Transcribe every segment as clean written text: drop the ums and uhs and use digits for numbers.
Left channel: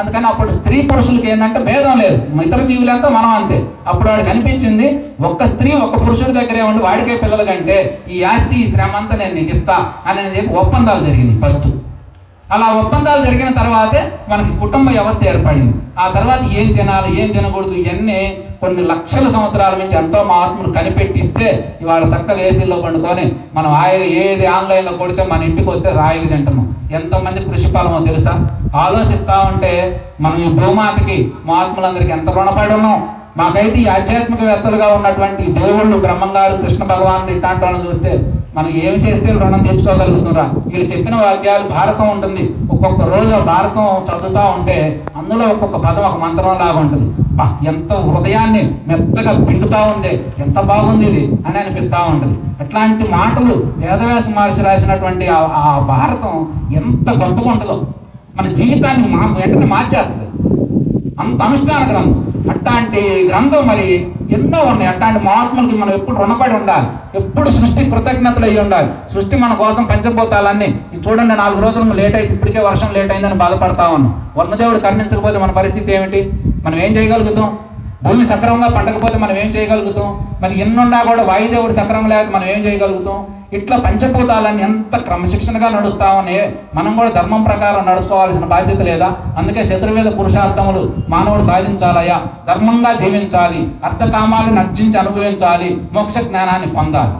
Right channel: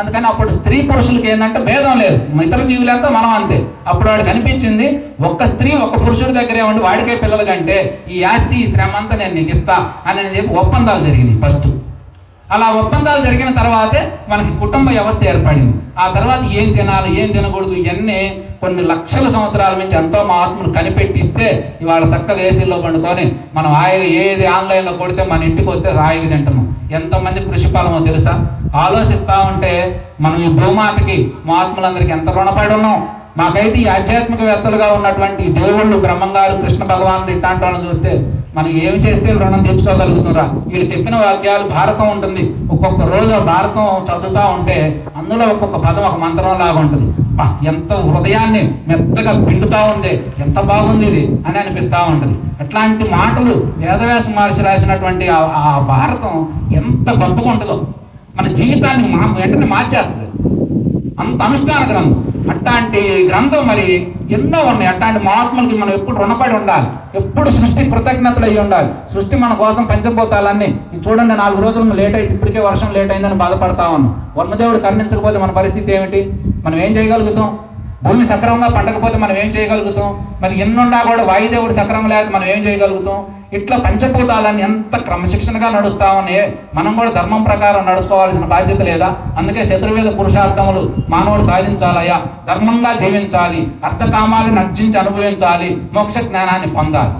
అందుకని అప్పుడు స్త్రీ పురుషులకి ఏంటంటే భేదం లేదు, ఇతర జీవులతో మనం అంతే. అప్పుడు వాడికి అనిపించింది ఒక్క స్త్రీ ఒక్క పురుషుడి దగ్గరే ఉండి వాడికే పిల్లల కంటే ఈ ఆస్తి ఈ శ్రమ అంతా నేను నీకు ఇస్తా అని చెప్పి ఒప్పందాలు జరిగినాయి ఫస్ట్. అలా ఒప్పందాలు జరిగిన తర్వాతే మనకి కుటుంబ వ్యవస్థ ఏర్పడింది. ఆ తర్వాత ఏం తినాలి ఏం తినకూడదు ఇవన్నీ కొన్ని లక్షల సంవత్సరాల నుంచి ఎంతో మహాత్ములు కనిపెట్టిస్తే ఇవాళ చక్కగా ఏసీలో పండుకొని మనం హాయిగా ఏది ఆన్లైన్లో కొడితే మన ఇంటికి వస్తే హాయిగా తింటున్నాం. ఎంతమంది కృషి ఫలమో తెలుసా? ఆలోచిస్తూ ఉంటే మనం ఈ భూమాతకి మహాత్ములందరికీ ఎంత రుణపడి ఉన్నాం. మాకైతే ఈ ఆధ్యాత్మికవేత్తలుగా ఉన్నటువంటి దేవుళ్ళు బ్రహ్మంగారు కృష్ణ భగవానుడు ఇట్లాంటి వాళ్ళని చూస్తే మనం ఏం చేస్తే రుణం తెచ్చుకోగలుగుతున్నా. వీళ్ళు చెప్పిన వాక్యాలు భారతం ఉంటుంది. ఒక్కొక్క రోజు భారతం చదువుతూ ఉంటే అందులో ఒక్కొక్క పదం ఒక మంత్రం లాగా ఉంటుంది. ఎంత హృదయాన్ని మెత్తగా పిండుతా ఉంది, ఎంత బాగుంది ఇది అని అనిపిస్తూ ఉంటుంది. అట్లాంటి మాటలు వేదవ్యాస మహర్షి రాసినటువంటి ఆ భారతం ఎంత గొప్పగా ఉంటుందో మన జీవితాన్ని వెంటనే మార్చేస్తుంది. అంత అనుష్ఠాన గ్రంథం. అట్లాంటి గ్రంథం మరి ఎన్నో ఉన్నాయి. అట్లాంటి మహాత్ములకి మనం ఎప్పుడు రుణపడి ఉండాలి, ఎప్పుడు సృష్టి కృతజ్ఞతలు అయ్యి ఉండాలి. సృష్టి మన కోసం పంచభూతాలన్నీ చూడండి, 4 రోజులు లేట్ అయితే ఇప్పటికే వర్షం లేట్ అయిందని బాధపడతా ఉన్నాం. వర్ణదేవుడు కరుణించకపోతే మన పరిస్థితి ఏమిటి? మనం ఏం చేయగలుగుతాం? భూమి సక్రమంగా పండకపోతే మనం ఏం చేయగలుగుతాం? మరి ఎన్నున్నా కూడా వాయుదేవుడు సక్రమం లేక మనం ఏం చేయగలుగుతాం? ఇట్లా పంచభూతాలన్నీ ఎంత క్రమశిక్షణగా నడుస్తా ఉన్నాయి. మనం కూడా ధర్మం ప్రకారం నడుచుకోవాల్సిన బాధ్యత లేదా? అందుకే చతుర్వేద పురుషార్థములు మానవుడు సాధించాలయ్యా. ధర్మంగా జీవించాలి, అర్థకామాలను అర్జించి అనుభవించాలి, మోక్ష జ్ఞానాన్ని పొందాలి.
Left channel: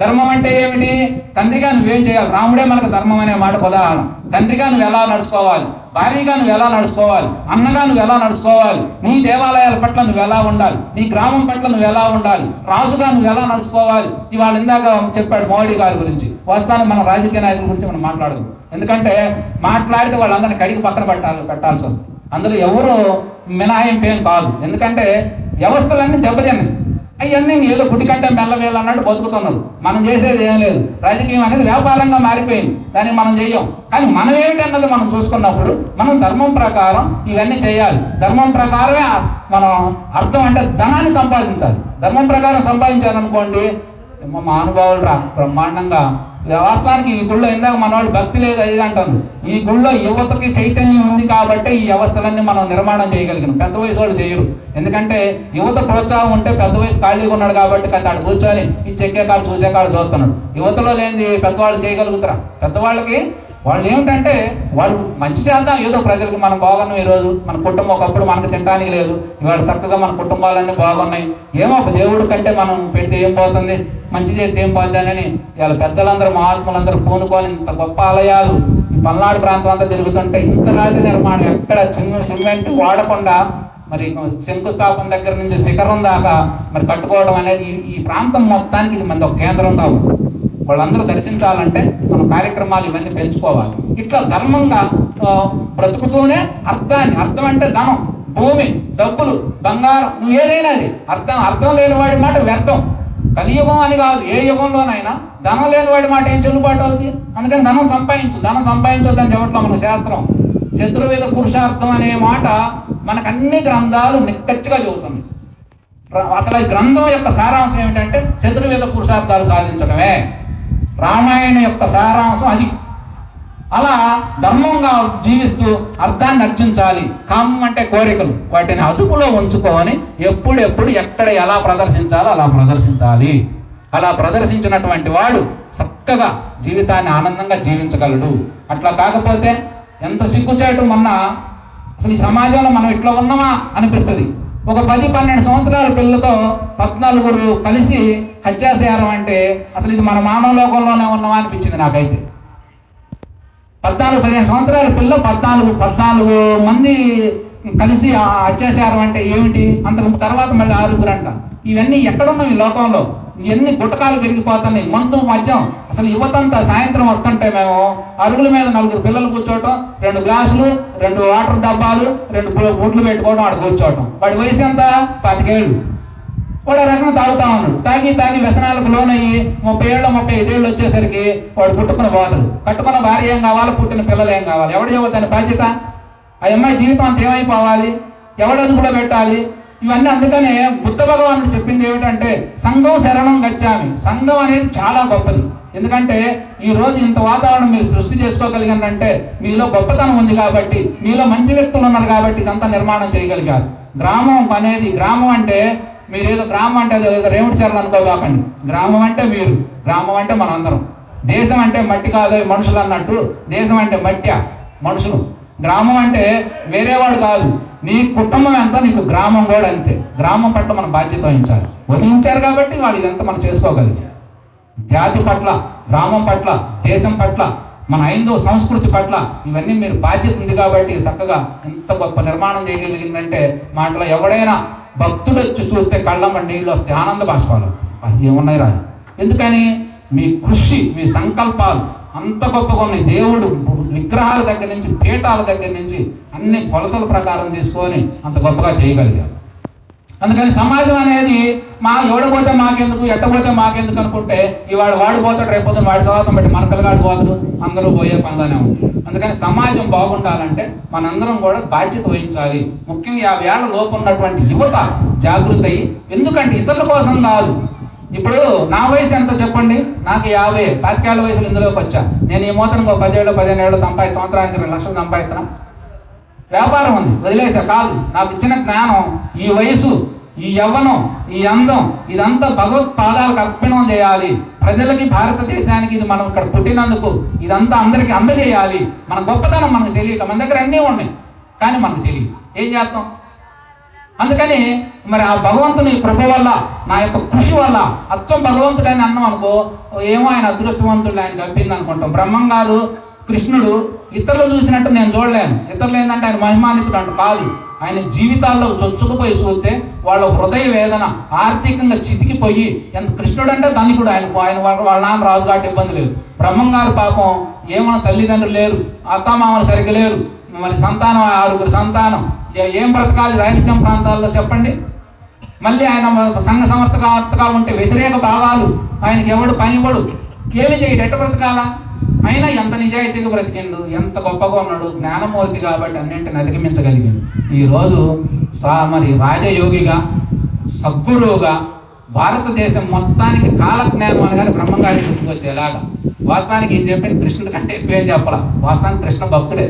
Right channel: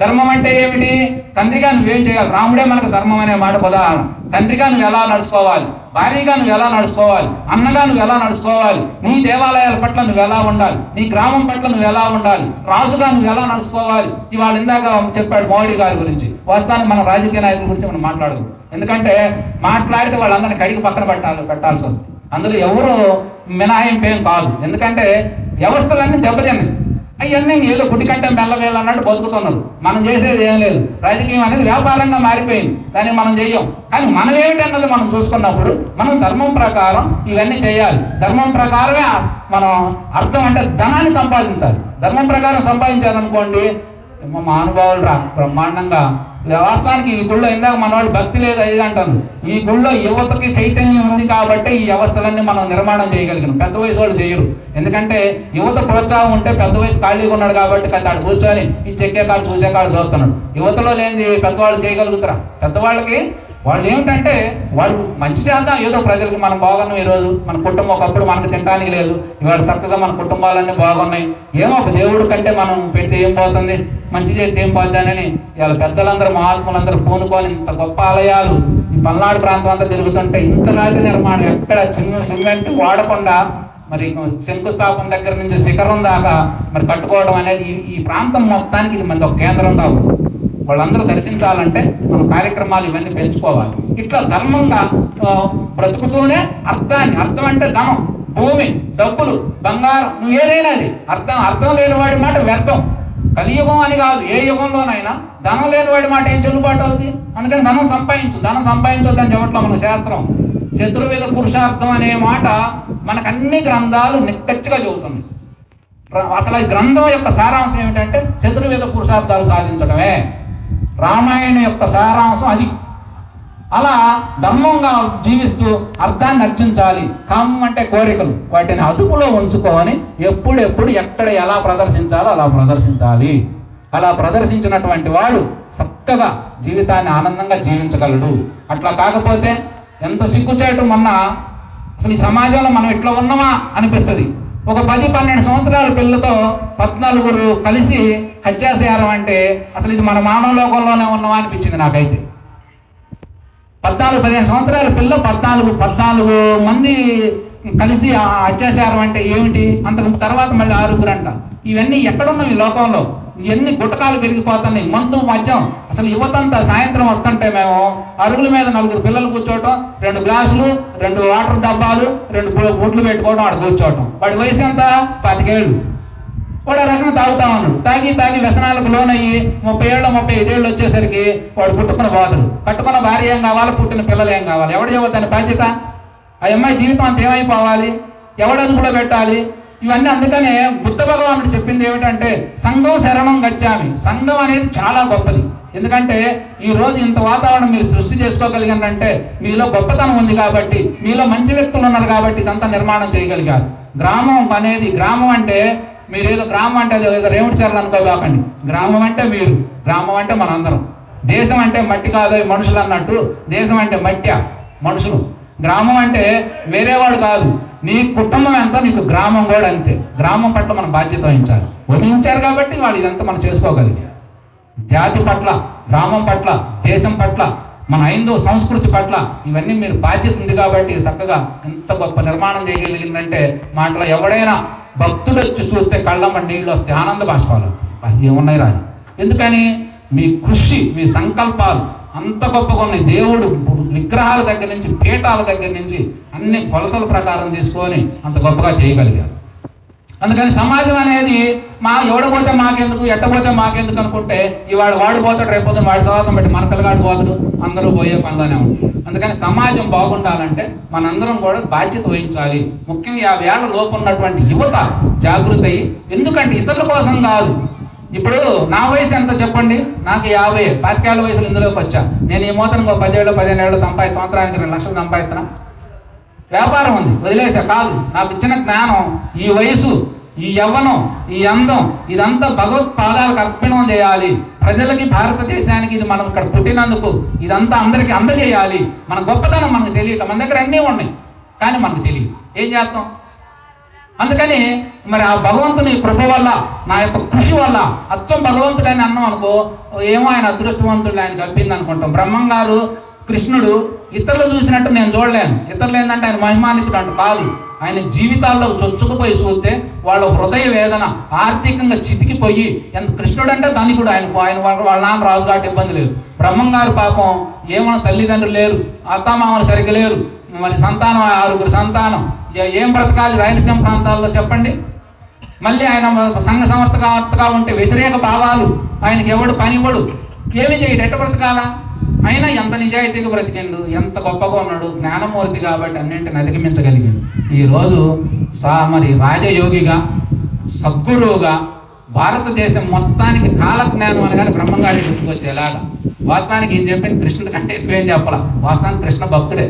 ధర్మం అంటే ఏమిటి? తండ్రిగా నువ్వేం చేయాలి? రాముడే మనకు ధర్మం అనే మాట ఉదాహరణ. తండ్రిగా నువ్వు ఎలా నడుచుకోవాలి, భార్యగా నువ్వు ఎలా నడుచుకోవాలి, అన్నగా నువ్వు ఎలా నడుచుకోవాలి, నీ దేవాలయాల పట్ల నువ్వు ఎలా ఉండాలి, నీ గ్రామం పట్ల నువ్వు ఎలా ఉండాలి, రాజుగా నువ్వు ఎలా నడుచుకోవాలి. ఇవాళ ఇందాక చెప్పాడు మోడీ గారి గురించి. వాస్తవానికి మనం రాజకీయ నాయకుల గురించి మనం మాట్లాడదు. ఎందుకంటే మాట్లాడితే వాళ్ళందరినీ కడిగి పక్కన పెట్టాల్సి వస్తుంది. అందులో ఎవరు మినహాయింపు ఏం కాదు. ఎందుకంటే వ్యవస్థలన్నీ దెబ్బతిన్నాయి. అవన్నీ ఏదో గుడి కంటే మెల్లవేయాలి అన్నట్టు బతుకుతున్నారు. మనం చేసేది ఏం లేదు. రాజకీయం అనేది వ్యాపారంగా మారిపోయింది. దాన్ని మనం చెయ్యం. కానీ మనం ఏమిటన్నది మనం చూసుకున్నప్పుడు మనం ధర్మం ప్రకారం ఇవన్నీ చేయాలి. ధర్మం ప్రకారమే మనం అర్థం అంటే ధనాన్ని సంపాదించాలి. ధర్మం ప్రకారం సంపాదించాలనుకోండి మా అనుభవాలు బ్రహ్మాండంగా. వాస్తవానికి ఈ గుళ్ళో ఇందాక మన వాళ్ళు భక్తి లేదు అది అంటారు. ఈ గుళ్ళో యువతకి చైతన్యం ఉంది కాబట్టి ఈ వ్యవస్థలన్నీ మనం నిర్మాణం చేయగలిగాం. పెద్ద వయసు వాళ్ళు చేయరు. ఎందుకంటే యువత ప్రోత్సాహం ఉంటే పెద్ద వయసు ఖాళీగా ఉన్నాడు కాబట్టి కానీ ఆడు కూర్చొని ఈ చెక్కే కాళ్ళు చూసే కాళ్ళు చూస్తున్నాడు. యువతలో లేని పెద్దవాళ్ళు చేయగలుగుతారా? పెద్దవాళ్ళకి వాళ్ళు ఏమిటంటే వాళ్ళు మంచి చేద్దాం, ఏదో ప్రజలకు మనం బాగున్నాం. ఈరోజు మన కుటుంబం ఒకప్పుడు మనకు తినడానికి లేదు, ఇవాళ చక్కగా మన కుటుంబాలన్నీ బాగున్నాయి. ఏమో దేవుడు కంటే మనం పెట్టి ఏం పోతుంది, మంచి చేస్తే ఏం పోతుందని ఇవాళ పెద్దలందరూ మహాత్ములందరూ పూనుకొని ఇంత గొప్ప ఆలయాలు ఈ పల్నాడు ప్రాంతం అంతా తిరుగుతుంటే ఇంత రాజు నిర్మాణం ఎక్కడ చిన్న సిమెంట్ వాడకుండా మరి శంకుస్థాపన దగ్గర నుంచి శిఖరం దాకా మరి కట్టుకోవడం అనేది ఈ ప్రాంతం మొత్తానికి ఇది మనది ఒక కేంద్రం కావాలి. వాళ్ళందరూ దర్శించాలంటే మన కార్యక్రమాలు ఇవన్నీ పెంచుకోవాలి. ఇట్లా ధర్మంగా బ్రతుకుతూనే అర్థం అంటే ధనం, భూమి, డబ్బులు, బంగారం, నువ్వు ఏదైనా అర్థం లేని వాడి మాట వ్యర్థం. కలియుగం అని కాదు, ఏ యుగంలోనైనా ధనం లేని వాడి మాట ఏం చెల్లుబాటు అవుతుంది? అందుకని ధనం సంపాదించొద్దని చెప్పట్లో మన శాస్త్రం. చతుర్వేద పురుషార్థం అనే మాట మనకు అన్ని గ్రంథాలు నిక్కచ్చిగా చెబుతుంది. అసలు ఈ గ్రంథం యొక్క సారాంశం ఏమిటంటే చతుర్వేద పురుషార్థాలు సాధించడమే. రామాయణం యొక్క సారాంశం అది. అలా ధర్మంగా జీవిస్తూ అర్థాన్ని అర్జించాలి. కామం అంటే కోరికలు, వాటిని అదుపులో ఉంచుకొని ఎప్పుడు ఎక్కడ ఎలా ప్రదర్శించాలో అలా ప్రదర్శించాలి. అలా ప్రదర్శించినటువంటి వాడు చక్కగా జీవితాన్ని ఆనందంగా జీవించగలడు. అట్లా కాకపోతే ఎంత సిగ్గుచేటు మొన్న అసలు ఈ సమాజంలో మనం ఇట్లా ఉన్నామా అనిపిస్తుంది. ఒక 10-12 సంవత్సరాల పిల్లలతో 14 కలిసి హత్యాసేయడం అంటే అసలు ఇది మన మానవ లోకంలోనే ఉన్నామా అనిపించింది నాకైతే. 14-15 సంవత్సరాల పిల్లలు 14 మంది కలిసి అత్యాచారం అంటే ఏమిటి? అంతకు తర్వాత మళ్ళీ 6 అంట. ఇవన్నీ ఎక్కడున్నాయి ఈ లోకంలో? ఇవన్నీ గుట్టకాలు పెరిగిపోతున్నాయి. మద్యం అసలు యువతంతా సాయంత్రం వస్తుంటే మేము అరుగుల మీద 4 పిల్లలు కూర్చోవటం, 2 గ్లాసులు, 2 వాటర్ డబ్బాలు, 2 గుడ్లు పెట్టుకోవడం, ఆడ కూర్చోవటం. వాడి వయసు ఎంత? 25 ఏళ్ళు. వాడు రకం తాగుతా ఉన్నాడు. తాగి వ్యసనాలకు లోనయ్యి 30 ఏళ్ళు 35 ఏళ్ళు వచ్చేసరికి వాడు పుట్టుకున్న బాధలు, కట్టుకున్న భార్య ఏం కావాలి, పుట్టిన పిల్లలు ఏం కావాలి? ఎవడు చెబుతాను బాధ్యత? ఆ అమ్మాయి జీవితం అంత ఏమైపోవాలి? ఎవడు అదుపులో పెట్టాలి? ఇవన్నీ. అందుకనే బుద్ధ భగవానుడు చెప్పింది ఏమిటంటే సంఘం శరణం గచ్చామి. సంఘం అనేది చాలా గొప్పది. ఎందుకంటే ఈ రోజు ఇంత వాతావరణం మీరు సృష్టి చేసుకోగలిగారంటే మీలో గొప్పతనం ఉంది కాబట్టి, మీలో మంచి వ్యక్తులు ఉన్నారు కాబట్టి ఇదంతా నిర్మాణం చేయగలిగారు. గ్రామం అంటే మీరు ఏదో గ్రామం అంటే అది ఏదో రేవుడి చెరలు అనుకోబాకండి. గ్రామం అంటే మీరు, గ్రామం అంటే మనందరం. దేశం అంటే మట్టి కాదు మనుషులు అన్నట్టు, దేశం అంటే మట్టి మనుషులు. గ్రామం అంటే వేరేవాడు కాదు, నీ కుటుంబం అంతా నీకు గ్రామం కూడా అంతే. గ్రామం పట్ల మనం బాధ్యత వహించారు కాబట్టి వాళ్ళు ఇదంతా మనం చేసుకోగలిగాం. జాతి పట్ల, గ్రామం పట్ల, దేశం పట్ల, మన హైందవ సంస్కృతి పట్ల ఇవన్నీ మీరు బాధ్యత ఉంది కాబట్టి చక్కగా ఎంత గొప్ప నిర్మాణం చేయగలిగిందంటే మాటలో ఎవడైనా భక్తులు వచ్చి చూస్తే కళ్ళమ్మ నీళ్ళు వస్తే ఆనంద బాష్పాలు ఏమున్నాయి రాని. ఎందుకని మీ కృషి, మీ సంకల్పాలు అంత గొప్పగా ఉన్నాయి. దేవుడు విగ్రహాల దగ్గర నుంచి, పీఠాల దగ్గర నుంచి అన్ని కొలతల ప్రకారం తీసుకొని అంత గొప్పగా చేయగలిగారు. అందుకని సమాజం అనేది ఎవడిపోతే మాకెందుకు, ఎట్టపోతే మాకెందుకు అనుకుంటే ఇవాడు వాడిపోతాడు, రేపు వాడి సవాసం బట్టి మన పిల్లగాడు పోతాడు, అందరూ పోయే పనుగానే ఉంటుంది. అందుకని సమాజం బాగుండాలంటే మనందరం కూడా బాధ్యత వహించాలి. ముఖ్యంగా 50 ఏళ్ల లోపు ఉన్నటువంటి యువత జాగృతి అయ్యి, ఎందుకంటే ఇతరుల కోసం కాదు. ఇప్పుడు నా వయసు ఎంత చెప్పండి, నాకు 50, 25 ఏళ్ల వయసులో ఇందులోకి వచ్చా. నేను ఈ మూతను 10 ఏళ్ళు 15 ఏళ్ళు సంవత్సరానికి 2 లక్షలు సంపాదిస్తున్నా. వ్యాపారం ఉంది వదిలేసా కాదు. నాకు ఇచ్చిన జ్ఞానం, ఈ వయసు, ఈ యవ్వనం, ఈ అందం, ఇదంతా భగవత్ పాదాలకు అర్పణం చేయాలి. ప్రజలకి, భారతదేశానికి ఇది మనం ఇక్కడ పుట్టినందుకు ఇదంతా అందరికీ అందజేయాలి. మన గొప్పతనం మనకు తెలియటం. మన దగ్గర అన్నీ ఉన్నాయి కానీ మనకు తెలియదు. ఏం చేస్తాం? అందుకని మరి ఆ భగవంతుని కృప వల్ల, నా యొక్క కృషి వల్ల అచ్చం భగవంతుడని అన్నాం అనుకో, ఏమో ఆయన అదృష్టవంతుడు, ఆయనకు అబ్బింది అనుకుంటాం. బ్రహ్మం గారు, కృష్ణుడు ఇతరులు చూసినట్టు నేను చూడలేను. ఇతరులు ఏంటంటే ఆయన మహిమానితుడు అంట కాదు, ఆయన జీవితాల్లో చొచ్చుకుపోయి చూస్తే వాళ్ళ హృదయ వేదన ఆర్థికంగా చితికిపోయి, ఎంత కృష్ణుడు అంటే ధనికుడు, ఆయన వాళ్ళ నాన్న రాజు కాబట్టి ఇబ్బంది లేదు. బ్రహ్మం గారు పాపం ఏమన్నా తల్లిదండ్రులు లేరు, అత్తామామలు సరిగ్గా లేరు, మరి సంతానం 6 సంతానం, ఏం బ్రతకాలి రాయలసీమ ప్రాంతాల్లో చెప్పండి. మళ్ళీ ఆయన సంఘ సమర్థగా ఉంటే వ్యతిరేక భావాలు, ఆయనకి ఎవడు పనిపడు, ఏమి చేయడు, ఎట్ట బ్రతకాలా? అయినా ఎంత నిజాయితీగా బ్రతికిండు, ఎంత గొప్పగా ఉన్నాడు. జ్ఞానమూర్తి కాబట్టి అన్నింటిని అధిగమించగలిగాడు. ఈరోజు మరి రాజయోగిగా, సద్గురువుగా భారతదేశం మొత్తానికి కాలజ్ఞానం అనగానే బ్రహ్మంగారి గుర్తుకొచ్చేలాగా. వాస్తవానికి ఏం చెప్పింది కృష్ణుడి కంటే ఎక్కువ ఏం చెప్పాల. వాస్తవానికి కృష్ణ భక్తుడే,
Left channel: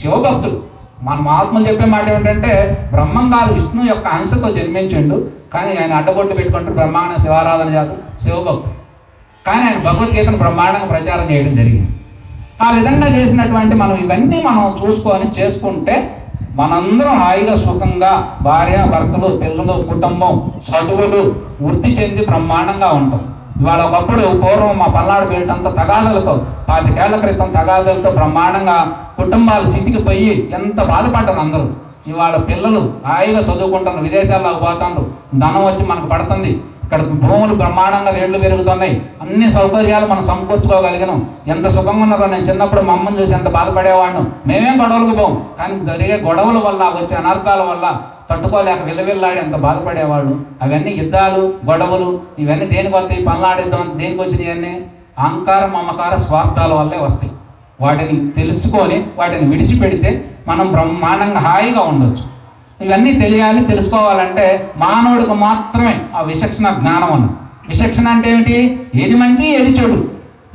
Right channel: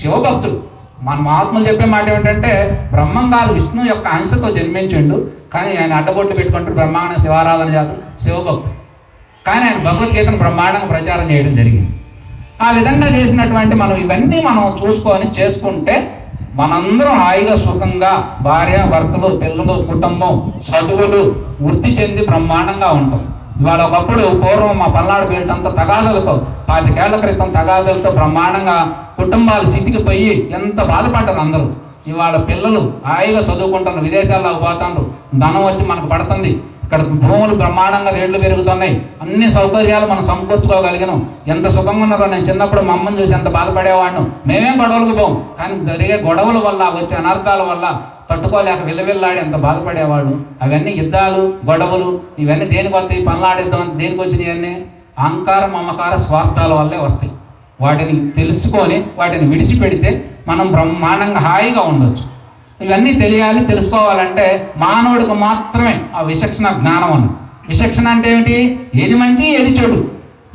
శివభక్తుడు. మన ఆత్మలు చెప్పే మాట ఏంటంటే బ్రహ్మం గారు విష్ణు యొక్క అంశతో జన్మించిండు, కానీ ఆయన అడ్డగొట్టు పెట్టుకుంటూ బ్రహ్మాండ శివారాధన చేస్తాడు, శివభక్తుడు. కానీ ఆయన భగవద్గీతను బ్రహ్మాండంగా ప్రచారం చేయడం జరిగింది. ఆ విధంగా చేసినటువంటి మనం ఇవన్నీ మనం చూసుకొని చేసుకుంటే మనందరం హాయిగా సుఖంగా భార్య భర్తలు, పిల్లలు, కుటుంబం, చదువులు వృద్ధి చెంది బ్రహ్మాండంగా ఉంటాం. ఇవాళ ఒకప్పుడు పూర్వం మా పల్నాడు బెల్టంతా తగాదులతో, 25 ఏళ్ల క్రితం తగాదులతో బ్రహ్మాండంగా కుటుంబాలు చితికిపోయి ఎంత బాధపడ్డారు అందరూ. ఇవాళ పిల్లలు హాయిగా చదువుకుంటున్నారు, విదేశాల్లో పోతాండ్రు, ధనం వచ్చి మనకు పడుతుంది, ఇక్కడ భూములు బ్రహ్మాండంగా రేట్లు పెరుగుతున్నాయి, అన్ని సౌకర్యాలు మనం సమకూర్చుకోగలిగాను. ఎంత సుఖంగా ఉన్నారో. నేను చిన్నప్పుడు మా అమ్మని చూసి ఎంత బాధపడేవాడిను. మేమేం గొడవలకు పోం, కానీ జరిగే గొడవల వల్ల, వచ్చే అనర్థాల వల్ల తట్టుకోలేక విల్లవిల్లాడి ఎంత బాధపడేవాడు. అవన్నీ యుద్ధాలు, గొడవలు ఇవన్నీ దేనికి వస్తాయి? పల్నాడిద్దాం దేనికి వచ్చినాయి? అన్నీ అహంకారం, మమకార, స్వార్థాల వల్లే వస్తాయి. వాటిని తెలుసుకొని వాటిని విడిచిపెడితే మనం బ్రహ్మాండంగా హాయిగా ఉండొచ్చు. ఇవన్నీ తెలియాలి. తెలుసుకోవాలంటే మానవుడికి మాత్రమే ఆ విచక్షణ జ్ఞానం అన్న. విచక్షణ అంటే ఏమిటి? ఏది మంచి, ఏది చెడు,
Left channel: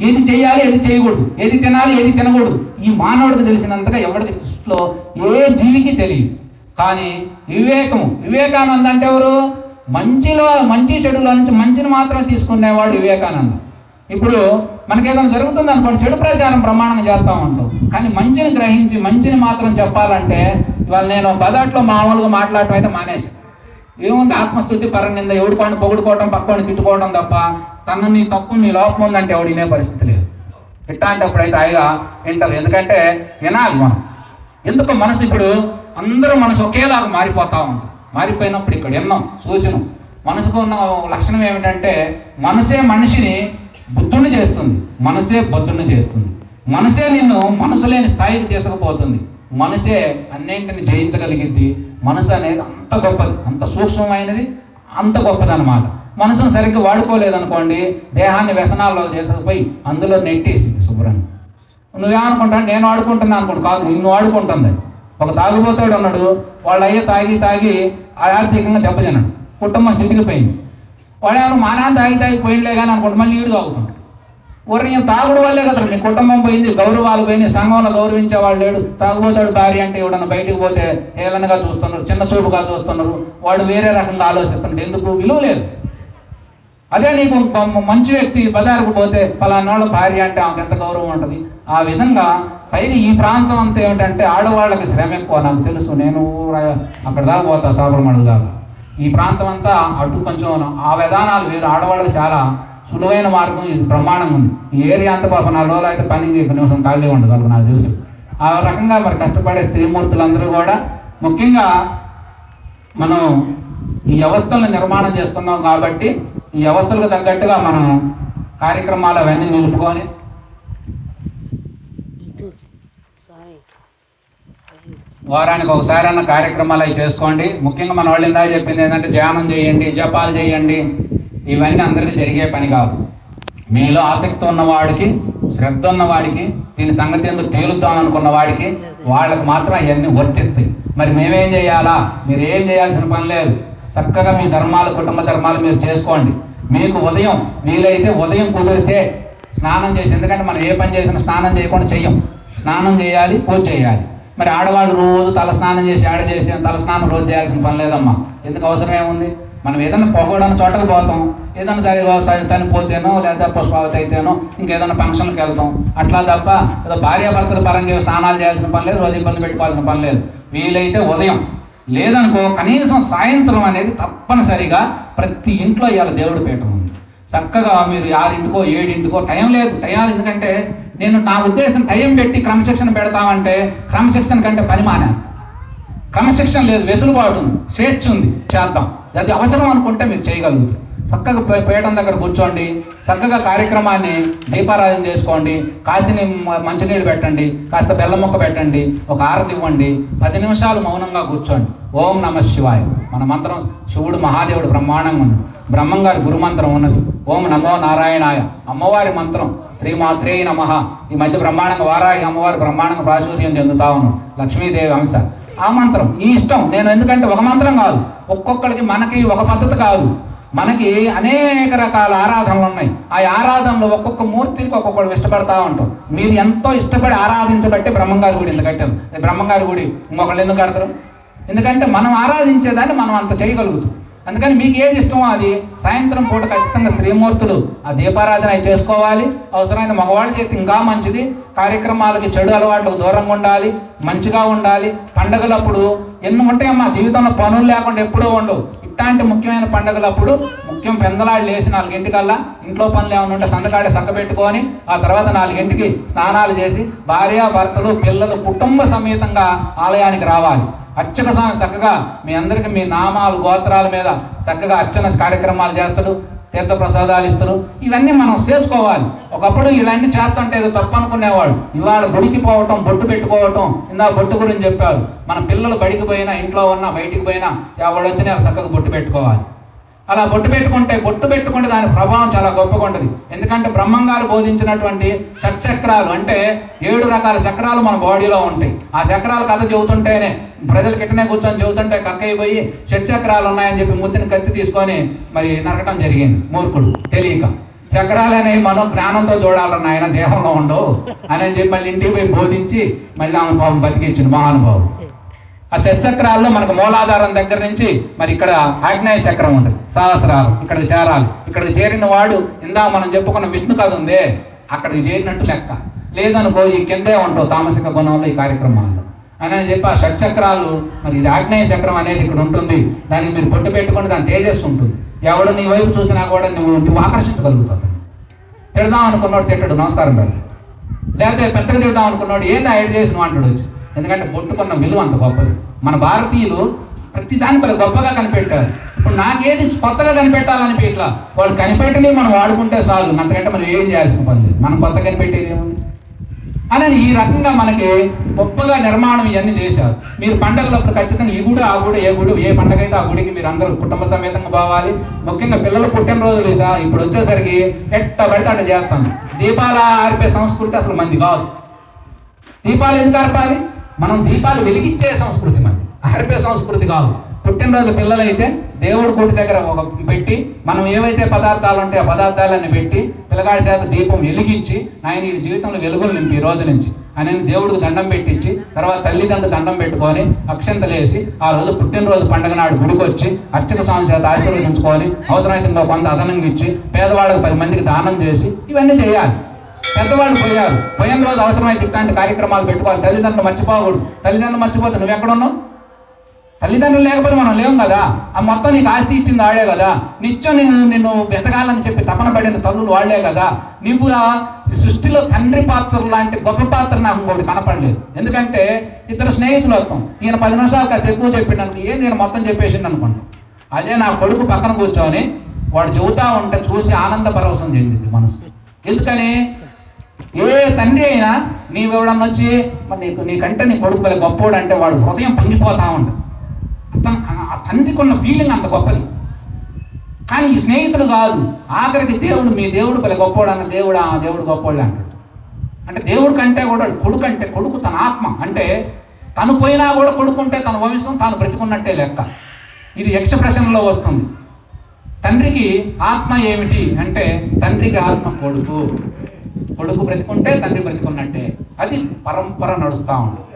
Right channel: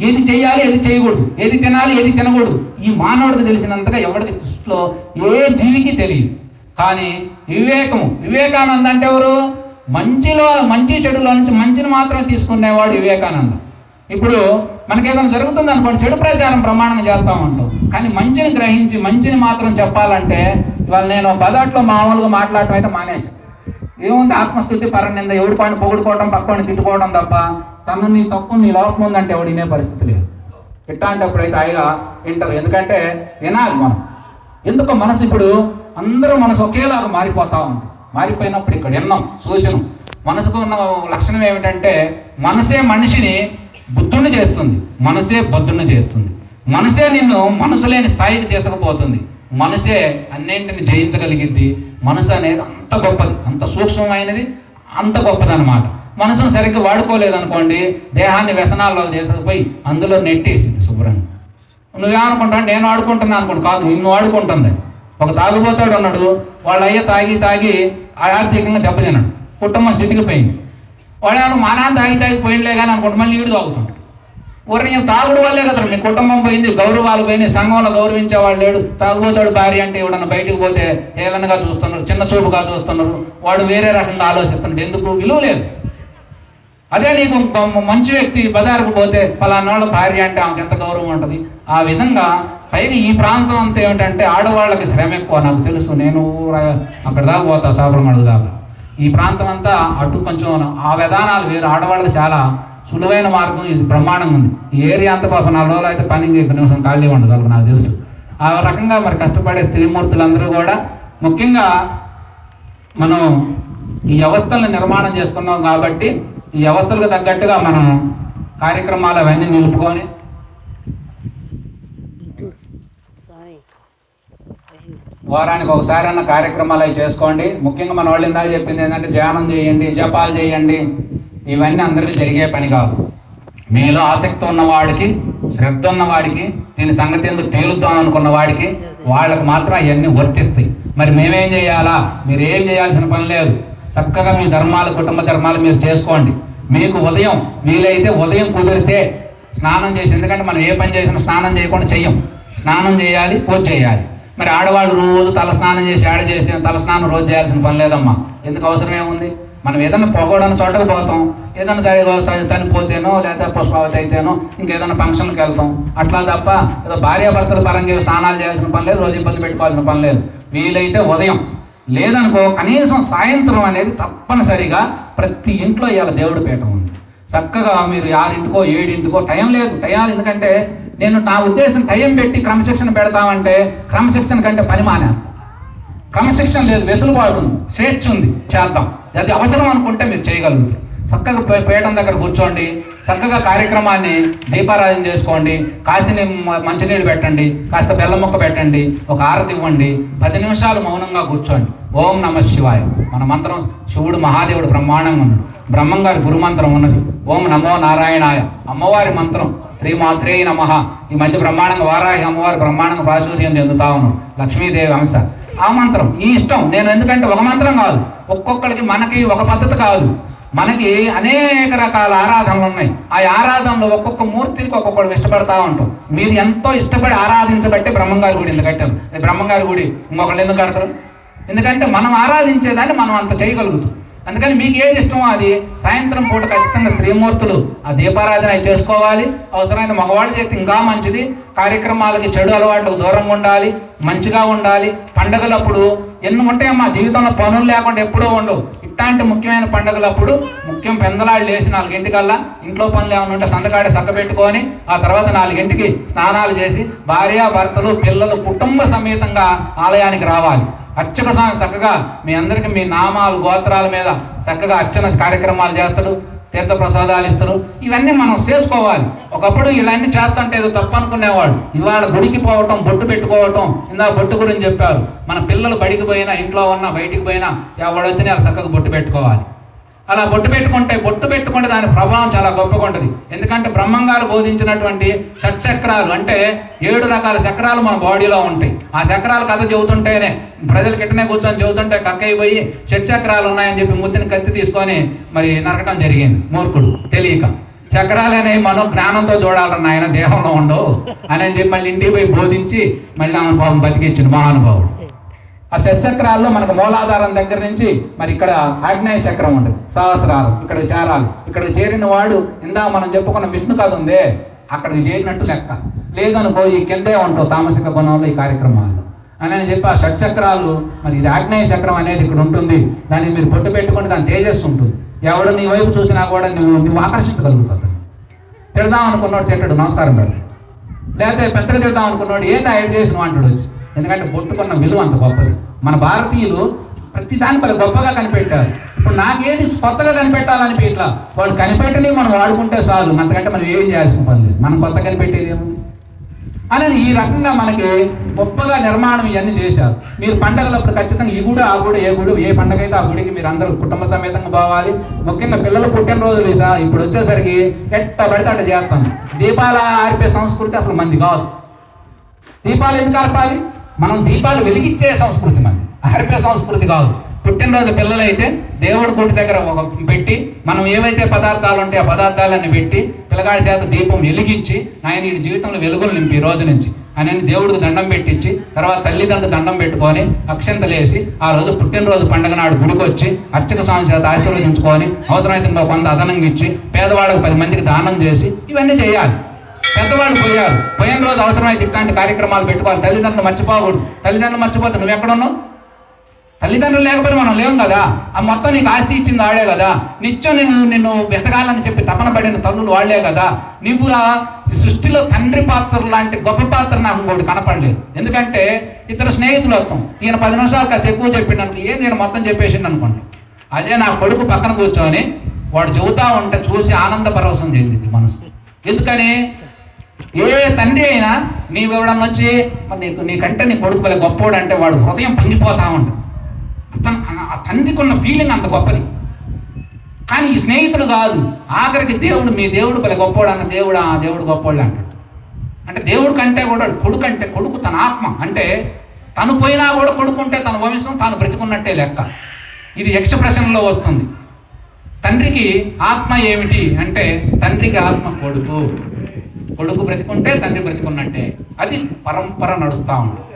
ఏది చేయాలి, ఏది చేయకూడదు, ఏది తినాలి, ఏది తినకూడదు, ఈ మానవుడికి తెలిసినంతగా ఎవరికి దృష్టిలో ఏ జీవికి తెలియదు. కానీ వివేకానంద అంటే ఎవరు? మంచి చెడులో నుంచి మంచిని మాత్రమే తీసుకునేవాడు వివేకానంద. ఇప్పుడు మనకేదైనా జరుగుతుంది అనుకోండి, చెడు ప్రచారం ప్రమాణం చేస్తూ ఉంటాం, కానీ మంచిని గ్రహించి మంచిని మాత్రం చెప్పాలంటే ఇవాళ నేను బజాట్లో మామూలుగా మాట్లాడటం అయితే మానేసి, ఏముంది ఆత్మస్థుతి, పరనింద, ఎవడి కాని పొగుడుకోవడం, పక్కని తిట్టుకోవడం తప్ప తను నీ తప్పు, నీ లోపం ఉందంటే ఎవడు వినే పరిస్థితి లేదు. ఇట్లాంటప్పుడైతే హాయిగా వింటారు. ఎందుకంటే వినాలి మనం. ఎందుకో మనసు ఇప్పుడు అందరూ మనసు ఒకేలాగా మారిపోతా ఉంది. మారిపోయినప్పుడు ఇక్కడ విన్నాం, చూసినాం. మనసుకు ఉన్న లక్షణం ఏమిటంటే మనసే మనిషిని బుద్ధుణ్ణి చేస్తుంది, మనసే బుద్ధుణ్ణి చేస్తుంది, మనసే నిన్ను మనసు లేని స్థాయికి తీసుకుపోతుంది, మనసే అన్నింటిని జయించగలిగింది. మనసు అనేది అంత గొప్పది, అంత సూక్ష్మమైనది, అంత గొప్పది అనమాట. మనసును సరిగ్గా వాడుకోలేదనుకోండి, దేహాన్ని వ్యసనాల్లో చేసుకుపోయి అందులో నెట్టేసింది శుభ్రంగా. నువ్వేమనుకుంటావు? నేను వాడుకుంటున్నా అనుకోండి, కాదు, నిన్ను వాడుకుంటుంది. ఒక తాగిపోతాడు అన్నాడు, వాళ్ళు అయ్యే తాగి ఆర్థికంగా దెబ్బతిన్నాడు, కుటుంబం స్థితికిపోయింది. వాడు మానాన్ని తాగి పోయినలే కానీ అనుకోండి, మళ్ళీ ఈడు తాగుతుంటాడు. ఊరిని తాగుడు వల్లే కదా మీ కుటుంబం పోయింది, గౌరవాలు పోయింది, సంఘంలో గౌరవించేవాళ్ళు లేడు. తాగుబోతాడు భార్య అంటే ఎవడన్నా బయటకు పోతే ఏలనగా చూస్తున్నారు, చిన్న చూపుగా చూస్తున్నారు, వాడు వేరే రకంగా ఆలోచిస్తున్నాడు. ఎందుకు? విలువ లేదు. అదే నీకు మంచి వ్యక్తి బజారుకు పోతే పలానాళ్ళ భార్య అంటే ఆమెకు ఎంత గౌరవం ఉంటుంది. ఆ విధంగా పైగా ఈ ప్రాంతం అంతా ఏమిటంటే ఆడవాళ్ళకి శ్రమ ఎక్కువ. నాకు తెలుసు, నేను అక్కడ దాకా పోతా, సాబరమడుగు దాకా. ఈ ప్రాంతం అంతా అటు కొంచెం ఆ విధానాలు వేరు. ఆడవాళ్ళకి చాలా సులువైన మార్గం ఇది బ్రహ్మాండంగా ఉంది. ఈ ఏరియా అంతా పాప 4 రోజులు అయితే పని నిమిషం ఖాళీ ఉండదు, వాళ్ళకి నాకు తెలుసు. ఆ రకంగా మరి కష్టపడే స్త్రీమూర్తులందరూ కూడా ముఖ్యంగా మనం ఈ వ్యవస్థలను నిర్మాణం చేస్తున్నాం కాబట్టి ఈ వ్యవస్థలకు తగ్గట్టుగా మనం కార్యక్రమాలు అవన్నీ నిలుపుకొని వారానికి ఒకసారి అన్న కార్యక్రమాలు అవి చేసుకోండి. ముఖ్యంగా మన వాళ్ళు ఇందాక చెప్పింది ఏంటంటే ధ్యానం చేయండి, జపాలు చేయండి. ఇవన్నీ అందరికీ జరిగే పని కాదు. మీలో ఆసక్తి ఉన్నవాడికి, శ్రద్ధ ఉన్నవాడికి, దీని సంగతి ఎందుకు తేలుద్దాం అనుకున్న వాడికి, వాళ్ళకి మాత్రం అవన్నీ వర్తిస్తాయి. మరి మేమేం చేయాలా? మీరు ఏం చేయాల్సిన పని లేదు. చక్కగా మీ ధర్మాలు, కుటుంబ ధర్మాలు మీరు చేసుకోండి. మీకు ఉదయం వీలైతే ఉదయం కుదిరితే స్నానం చేసి, ఎందుకంటే మనం ఏ పని చేసినా స్నానం చేయకుండా చెయ్యం. స్నానం చేయాలి, పూజ చేయాలి. మరి ఆడవాళ్ళు రోజు తల స్నానం చేసి తల స్నానం రోజు చేయాల్సిన పని లేదమ్మా. ఎందుకు? అవసరం ఏముంది? మనం ఏదైనా పొగడానికి చోటకు పోతాం, ఏదైనా సరే చనిపోతేనో లేదా పుష్పావతి అయితేనో ఇంకేదైనా ఫంక్షన్కి వెళ్తాం. అట్లా తప్ప ఏదో భార్యాభర్తల పరంగా స్నానాలు చేయాల్సిన పని లేదు, రోజు ఇబ్బంది పెట్టుకోవాల్సిన పని లేదు. వీలైతే ఉదయం, లేదనుకో కనీసం సాయంత్రం అనేది తప్పనిసరిగా ప్రతి ఇంట్లో ఇవాళ దేవుడి పీఠం ఉంది. చక్కగా మీరు 6 7 టైం లేదు. టైం ఎందుకంటే నేను నా ఉద్దేశం టైం పెట్టి క్రమశిక్షణ పెడతామంటే క్రమశిక్షణ కంటే పని మానే. క్రమశిక్షణ లేదు, వెసులుబాటు ఉంది, స్వేచ్ఛ ఉంది, చేద్దాం. అది అవసరం అనుకుంటే మీరు చేయగలుగుతారు. చక్కగా పీఠం దగ్గర కూర్చోండి, చక్కగా కార్యక్రమాన్ని దీపారాధన చేసుకోండి, కాసిన మంచినీళ్ళు పెట్టండి, కాస్త బెల్లం ముక్క పెట్టండి, ఒక హారతి ఇవ్వండి, 10 నిమిషాలు మౌనంగా కూర్చోండి. ఓం నమ శివాయ. మన మంత్రం శివుడు మహాదేవుడు బ్రహ్మాండంగా ఉన్నాడు. బ్రహ్మంగారి గురుమంత్రం ఉన్నది ఓం నమో నారాయణాయ. అమ్మవారి మంత్రం శ్రీమాత్రే నమః. ఈ మధ్య బ్రహ్మాండంగా వారాహి అమ్మవారి బ్రహ్మాండంగా ప్రాచుర్యం చెందుతా ఉన్నాం, లక్ష్మీదేవి అంశ. ఆ మంత్రం ఈ ఇష్టం. నేను ఎందుకంటే ఒక మంత్రం కాదు, ఒక్కొక్కరికి మనకి ఒక పద్ధతి కాదు. మనకి అనేక రకాల ఆరాధనలు ఉన్నాయి. ఆ ఆరాధనలో ఒక్కొక్క మూర్తికి ఒక్కొక్కరు ఇష్టపడతా ఉంటాం. మీరు ఎంతో ఇష్టపడి ఆరాధించబట్టే బ్రహ్మంగారి గుడి ఎందుకు కట్టారు. బ్రహ్మంగారి గుడి ఇంకొకళ్ళు ఎందుకు కడతారు? ఎందుకంటే మనం ఆరాధించేదాన్ని మనం అంత చేయగలుగుతాం. అందుకని మీకు ఏది ఇష్టమో అది సాయంత్రం పూట ఖచ్చితంగా స్త్రీమూర్తులు ఆ దీపారాధన చేసుకోవాలి. అవసరమైన మగవాళ్ళు చేస్తే ఇంకా మంచిది. కార్యక్రమాలకి చెడు అలవాట్లకు దూరంగా ఉండాలి, మంచిగా ఉండాలి. పండుగలప్పుడు ఎన్ని ఉంటాయమ్మా జీవితంలో, పనులు లేకుండా ఎప్పుడూ ఉండవు. ఇట్లాంటి ముఖ్యమైన పండుగలప్పుడు ముఖ్యం పెందలాళ్ళు లేచి 4 ఇంట్లో పనులు ఏమైనా ఉంటే సందకాడి పెట్టుకొని ఆ తర్వాత 4 స్నానాలు చేసి భార్య భర్తలు పిల్లలు కుటుంబ సమేతంగా ఆలయానికి రావాలి. అర్చక స్వామి చక్కగా మీ అందరికీ మీ నామాలు గోత్రాల మీద చక్కగా అర్చన కార్యక్రమాలు చేస్తాడు, తీర్థ ప్రసాదాలు ఇస్తారు. ఇవన్నీ మనం చేసుకోవాలి. ఒకప్పుడు ఇవన్నీ చేస్తుంటే ఏదో తప్పు అనుకునేవాడు. ఇవాళ గుడికి పోవటం, బొట్టు పెట్టుకోవటం, ఇందా బొట్టు గురించి చెప్పారు. మన పిల్లలు బడికి పోయినా, ఇంట్లో ఉన్నా, బయటికి పోయినా ఎవడు వచ్చినా చక్కగా బొట్టు పెట్టుకోవాలి. అలా బొట్టు పెట్టుకుంటే దాని ప్రభావం చాలా గొప్పగా ఉంటుంది. ఎందుకంటే బ్రహ్మంగారు బోధించినటువంటి షట్చక్రాలు అంటే 7 రకాల చక్రాలు మన బాడీలో ఉంటాయి. ఆ చక్రాల కథ చెబుతుంటేనే ప్రజలు కిట్టనే కూర్చొని చెబుతుంటే కక్కయిపోయి షట్చక్రాలు ఉన్నాయని చెప్పి ముత్తిని కత్తి తీసుకొని మరి నరకటం జరిగింది. మూర్ఖుడు తెలియక. చక్రాలు అనేవి మనం జ్ఞానంతో చూడాలన్న ఆయన దేహంలో ఉండవు అని చెప్పి మళ్ళీ ఇంటికి పోయి బోధించి మళ్ళీ ఆమె పాపం బతికించింది మహానుభావుడు. ఆ షట్చక్రాల్లో మనకు మూలాధారం దగ్గర నుంచి మరి ఇక్కడ ఆగ్నేయ చక్రం ఉంటుంది, సహస్రాలు ఇక్కడికి చేరాలి. ఇక్కడికి చేరిన వాడు ఇందా మనం చెప్పుకున్న విష్ణు కథ ఉందే, అక్కడికి చేరినట్టు లెక్క. లేదనుకో ఈ కిందే ఉంటావు తామసిక గుణంలో ఈ కార్యక్రమాల్లో అని చెప్పి ఆ షట్చక్రాలు మరి ఇది ఆగ్నేయ చక్రం అనేది ఇక్కడ ఉంటుంది. దానికి మీరు పొట్టు పెట్టుకుంటే దాని తేజస్సు ఉంటుంది. ఎవడు నీ వైపు చూసినా కూడా నువ్వు ఆకర్షించగలుగుతావు. తిడదాం అనుకున్నాడు తింటాడు, నమస్కారం పెడతాడు. లేకపోతే పెద్దగా తిడదాం అనుకున్నాడు ఏంటి ఐదు చేసిన అంటాడు వచ్చి. ఎందుకంటే బొట్టుకున్న విలువ అంత గొప్పది. మన భారతీయులు ప్రతి దాని గొప్పగా కనిపెట్టారు. ఇప్పుడు నాకేది కొత్తగా కనిపెట్టాలని ఇట్లా వాళ్ళు కనిపెట్టని మనం వాడుకుంటే చాలు, అంతకంటే మనం ఏం చేయాల్సిన పని లేదు. మనం కొత్త కనిపెట్టేది ఏముంది అనేది ఈ రకంగా మనకి గొప్పగా నిర్మాణం ఇవన్నీ చేశారు. మీరు పండుగలప్పుడు ఖచ్చితంగా ఈ గుడి ఆ గుడి, ఏ పండుగ అయితే ఆ గుడికి మీరు అందరూ కుటుంబ సమేతంగా పోవాలి. ముఖ్యంగా పిల్లలు పుట్టినరోజులు ఇప్పుడు వచ్చేసరికి ఎట్ట పడితే అట్ట చేస్తాం. దీపాలు ఆర్పే సంస్కృతి అసలు మంది కాదు. దీపాలు ఎందుకు ఆర్పాలి? మనం దీపాలు వెలిగించే సంస్కృతి మంది, ఆర్పే సంస్కృతి కాదు. పుట్టినరోజు పిల్లలైతే దేవుడి గుడి దగ్గర ఒక పెట్టి మనం ఏవైతే పదార్థాలు ఉంటాయో ఆ పదార్థాలన్నీ పెట్టి పిల్లగాడి చేత దీపం వెలిగించి ఆయన ఈ జీవితంలో వెలుగులు నింపి ఈ రోజు నుంచి ఆయన దేవుడికి దండం పెట్టించి తర్వాత తల్లిదండ్రులు దండం పెట్టుకొని అక్షంతలేసి ఆ రోజు పుట్టినరోజు పండుగ నాడు గుడికి వచ్చి అర్చక స్వామి చేత ఆశీర్వదించుకొని అవసరమైతే ఇంకా కొంత అదనంగా ఇచ్చి పేదవాళ్ళకి 10 మందికి దానం చేసి ఇవన్నీ చేయాలి. పెద్దవాళ్ళు పోయిన రోజు అవసరమైతే ఇట్లాంటి కార్యక్రమాలు పెట్టుకోవాలి. తల్లిదండ్రులు మర్చిపోకూడదు. తల్లిదండ్రులు మర్చిపోతే నువ్వు ఎక్కడున్నావు? తల్లిదండ్రులు లేకపోతే మనం లేవు కదా. ఆ మొత్తం నీకు ఆస్తి ఇచ్చింది వాళ్లే కదా. నిత్యం నిన్ను వెతకాలని చెప్పి తపన పడిన తల్లులు వాళ్లే కదా. నీవు ఆ సృష్టిలో తండ్రి పాత్ర లాంటి గొప్ప పాత్ర నాకు ఇంకోటి కనపడలేదు. ఎందుకంటే ఇద్దరు స్నేహితులు వస్తాం, ఈయన 10 నిమిషాలు కాదు ఎక్కువ చెప్పిండు ఏం నేను మొత్తం చెప్పేసిండు అనుకోండి. అదే నా కొడుకు పక్కన కూర్చొని వాడు చెబుతా ఉంటే చూసి ఆనంద పరవశం చెందింది మనసు. ఎందుకని ఏ తండ్రి అయినా నీవు ఇవ్వడం వచ్చి నీకంటే నీ కొడుకు గొప్పవాడు అంటే వాడు హృదయం పొంగిపోతా ఉంటుంది. ఆ తండ్రికి ఉన్న ఫీలింగ్ అంత గొప్పది. కానీ ఈ స్నేహితుడు కాదు, ఆఖరికి దేవుడు మీ దేవుడు గొప్పవాడు అన్న దేవుడు గొప్పవాడు అంటాడు. అంటే దేవుడు కంటే కూడా కొడుకు అంటే కొడుకు తన ఆత్మ, అంటే తను పోయినా కూడా కొడుకుంటే తన వంశం తాను బ్రతుకున్నట్టే లెక్క. ఇది ఎక్స్ప్రెషన్లో వస్తుంది. తండ్రికి ఆత్మ ఏమిటి అంటే తండ్రికి ఆత్మ కొడుకు బ్రతుకుంటే తండ్రి బ్రతుకున్నట్టే. అది పరంపర నడుస్తూ ఉంటుంది.